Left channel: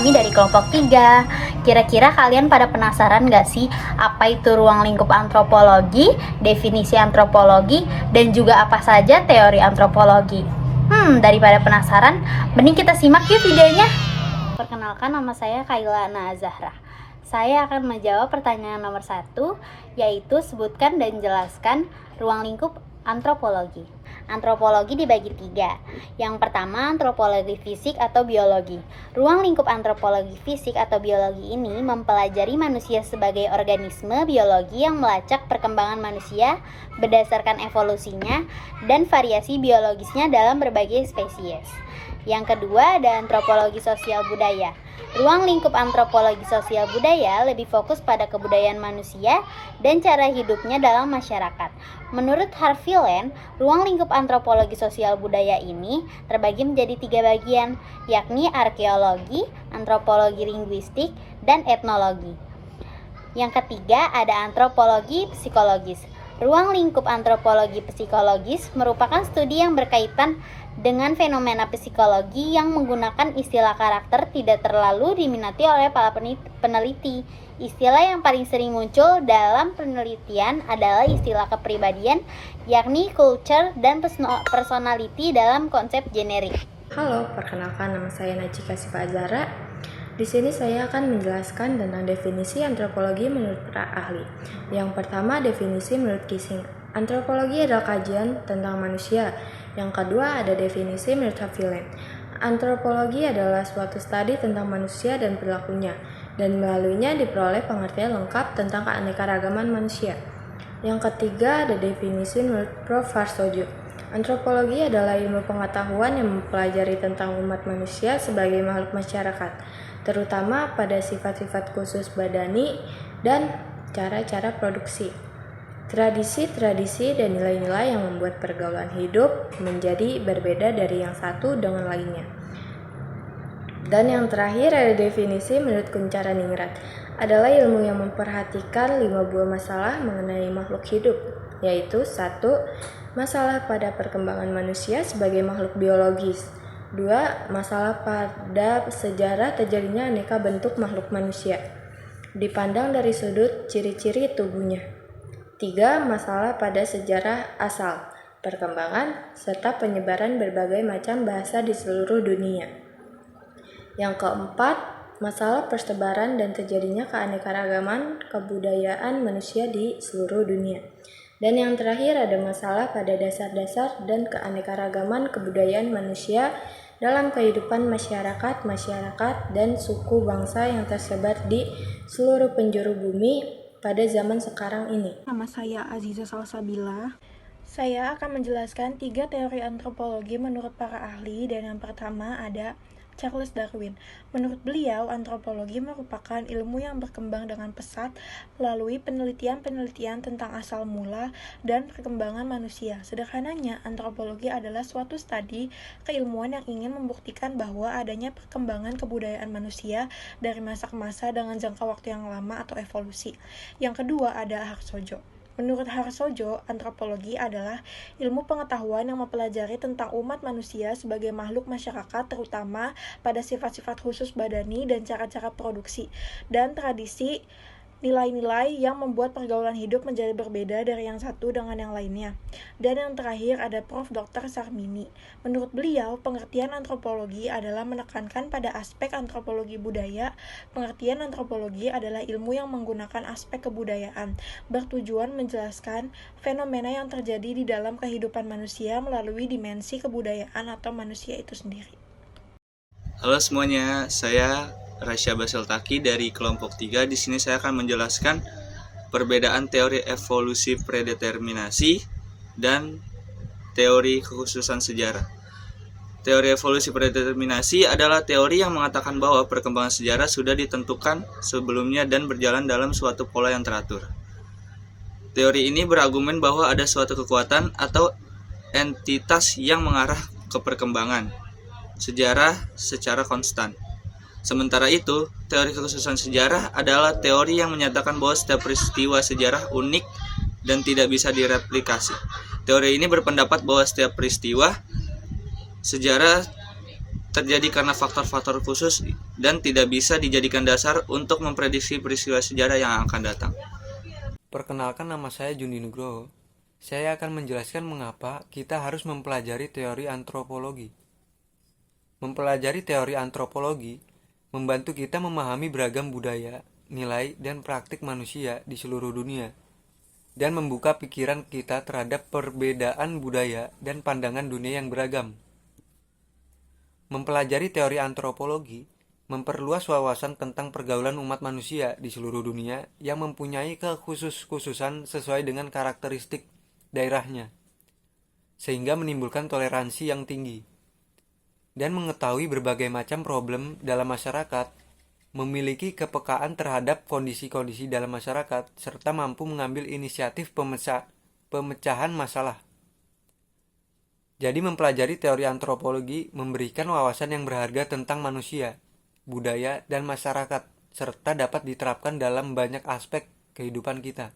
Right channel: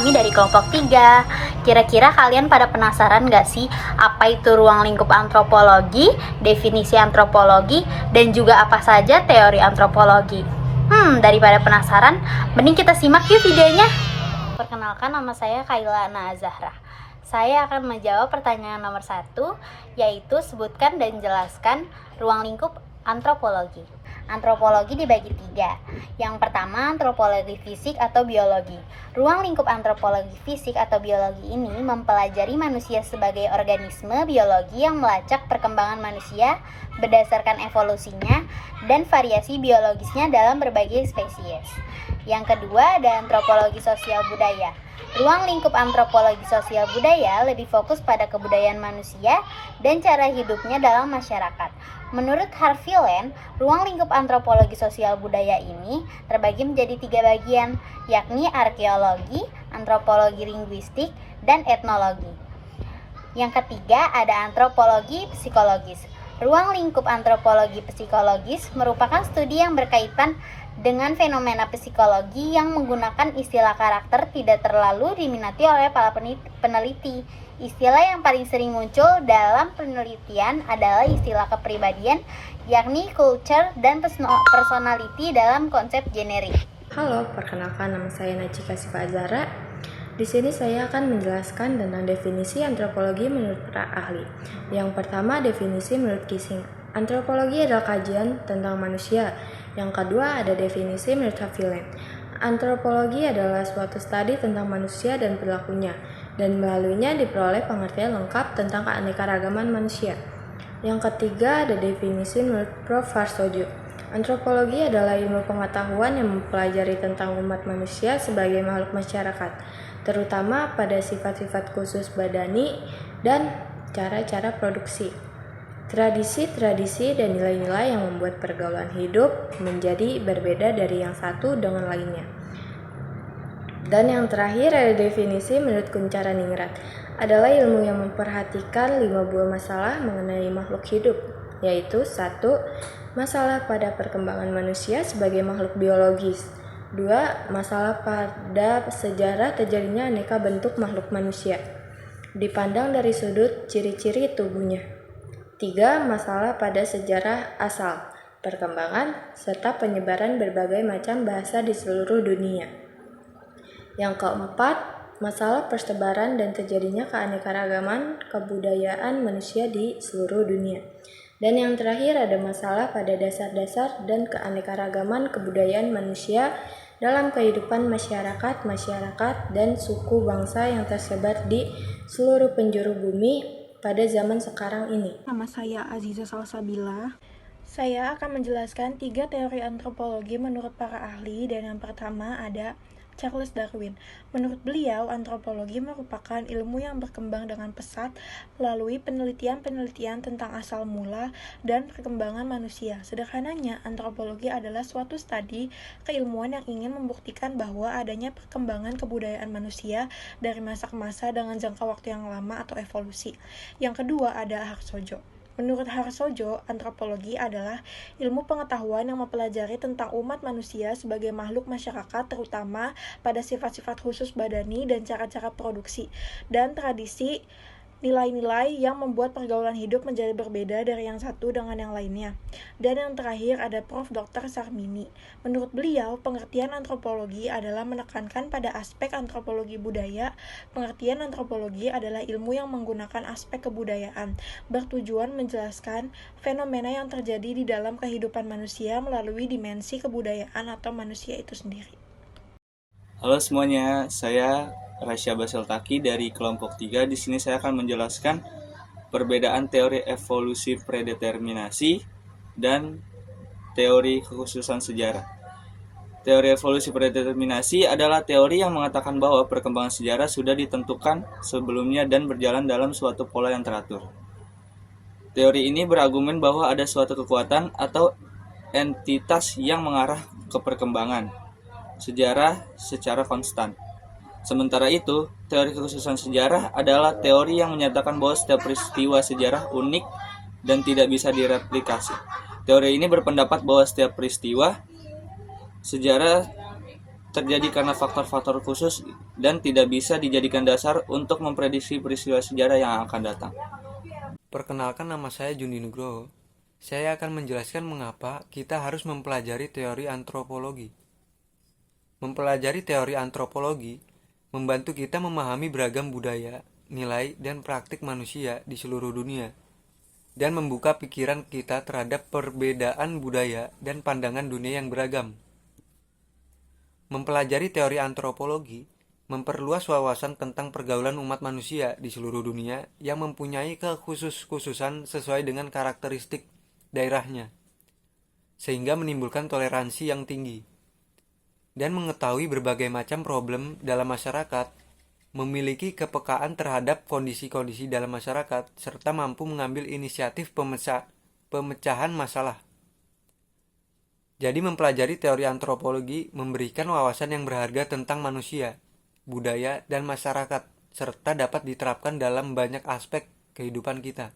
kami dari kelompok 3. Kira-kira kalian pada penasaran gak sih apa itu ruang lingkup antropologi, definisi antropologi, dan juga apa saja teori antropologi? Daripada penasaran, mending kita simak yuk videonya. Perkenalkan, nama saya Kaila Nazahra. Saya akan menjawab pertanyaan nomor 1, yaitu sebutkan dan jelaskan ruang lingkup antropologi. Antropologi dibagi 3. Yang pertama, antropologi fisik atau biologi. Ruang lingkup antropologi fisik atau biologi ini mempelajari manusia sebagai organisme biologi yang melacak perkembangan manusia berdasarkan evolusinya dan variasi biologisnya dalam berbagai spesies. Yang kedua, ada antropologi sosial budaya. Ruang lingkup antropologi sosial budaya lebih fokus pada kebudayaan manusia dan cara hidupnya dalam masyarakat. Menurut Harvey Land, ruang lingkup antropologi sosial budaya ini terbagi menjadi 3 bagian, yakni arkeologi, antropologi linguistik, dan etnologi. Yang ketiga, ada antropologi psikologis. Ruang lingkup antropologi psikologis merupakan studi yang berkaitan dengan fenomena psikologi yang menggunakan istilah karakter tidak terlalu diminati oleh para peneliti. Istilah yang paling sering muncul dalam penelitian adalah istilah kepribadian, yakni culture dan personality dalam konsep generik. Halo, perkenalkan nama saya Najika Siva Azhara. Di sini saya akan menjelaskan tentang definisi antropologi menurut para ahli. Yang pertama, definisi menurut Kissing. Antropologi adalah kajian tentang manusia. Yang kedua, ada definisi menurut Harvey Land. Antropologi adalah suatu studi tentang manusia dan perilakunya, dan melaluinya diperoleh pengertian lengkap tentang keanekaragaman manusia. Yang ketiga, ada definisi menurut Prof. Harsojo. Antropologi adalah ilmu pengetahuan yang mempelajari tentang umat manusia sebagai makhluk masyarakat, terutama pada sifat-sifat khusus badani dan cara-cara produksi, tradisi-tradisi dan nilai-nilai yang membuat pergaulan hidup menjadi berbeda dari yang satu dengan lainnya. Dan yang terakhir ada definisi menurut Kunchara Ningrat, adalah ilmu yang memperhatikan 5 buah masalah mengenai makhluk hidup, yaitu 1. Masalah pada perkembangan manusia sebagai makhluk biologis. 2. Masalah pada sejarah terjadinya aneka bentuk makhluk manusia, dipandang dari sudut ciri-ciri tubuhnya. 3. Masalah pada sejarah asal, perkembangan, serta penyebaran berbagai macam bahasa di seluruh dunia. Yang keempat, masalah persebaran dan terjadinya keanekaragaman kebudayaan manusia di seluruh dunia. Dan yang terakhir ada masalah pada dasar-dasar dan keanekaragaman kebudayaan manusia dalam kehidupan masyarakat dan suku bangsa yang tersebar di seluruh penjuru bumi pada zaman sekarang ini. Nama saya Aziza Salsabila. Saya akan menjelaskan 3 teori antropologi menurut para ahli, dan yang pertama ada Charles Darwin. Menurut beliau, antropologi merupakan ilmu yang berkembang dengan pesat melalui penelitian-penelitian tentang asal mula dan perkembangan manusia. Sederhananya, antropologi adalah suatu studi keilmuan yang ingin membuktikan bahwa adanya perkembangan kebudayaan manusia dari masa ke masa dengan jangka waktu yang lama atau evolusi. Yang kedua ada Harsojo. Menurut Harsojo, antropologi adalah ilmu pengetahuan yang mempelajari tentang umat manusia sebagai makhluk masyarakat, terutama pada sifat-sifat khusus badani dan cara-cara produksi, dan tradisi nilai-nilai yang membuat pergaulan hidup menjadi berbeda dari yang satu dengan yang lainnya. Dan yang terakhir ada Prof. Dr. Sarmini. Menurut beliau, pengertian antropologi adalah menekankan pada aspek antropologi budaya. Pengertian antropologi adalah ilmu yang menggunakan aspek kebudayaan, bertujuan menjelaskan fenomena yang terjadi di dalam kehidupan manusia melalui dimensi kebudayaan atau manusia itu sendiri. Halo semuanya, saya Rasya Baseltaki dari kelompok 3. Di sini saya akan menjelaskan perbedaan teori evolusi predeterminasi dan teori kekhususan sejarah. Teori evolusi predeterminasi adalah teori yang mengatakan bahwa perkembangan sejarah sudah ditentukan sebelumnya dan berjalan dalam suatu pola yang teratur. Teori ini berargumen bahwa ada suatu kekuatan atau entitas yang mengarah ke perkembangan sejarah secara konstan. Sementara itu, teori kekhususan sejarah adalah teori yang menyatakan bahwa setiap peristiwa sejarah unik dan tidak bisa direplikasi. Teori ini berpendapat bahwa setiap peristiwa sejarah terjadi karena faktor-faktor khusus dan tidak bisa dijadikan dasar untuk memprediksi peristiwa sejarah yang akan datang. Perkenalkan, nama saya Jundi Nugroho. Saya akan menjelaskan mengapa kita harus mempelajari teori antropologi. Mempelajari teori antropologi membantu kita memahami beragam budaya, nilai, dan praktik manusia di seluruh dunia, dan membuka pikiran kita terhadap perbedaan budaya dan pandangan dunia yang beragam. Mempelajari teori antropologi memperluas wawasan tentang pergaulan umat manusia di seluruh dunia yang mempunyai kekhususan sesuai dengan karakteristik daerahnya, sehingga menimbulkan toleransi yang tinggi. Dan mengetahui berbagai macam problem dalam masyarakat, memiliki kepekaan terhadap kondisi-kondisi dalam masyarakat, serta mampu mengambil inisiatif pemecahan masalah. Jadi mempelajari teori antropologi memberikan wawasan yang berharga tentang manusia, budaya, dan masyarakat, serta dapat diterapkan dalam banyak aspek kehidupan kita.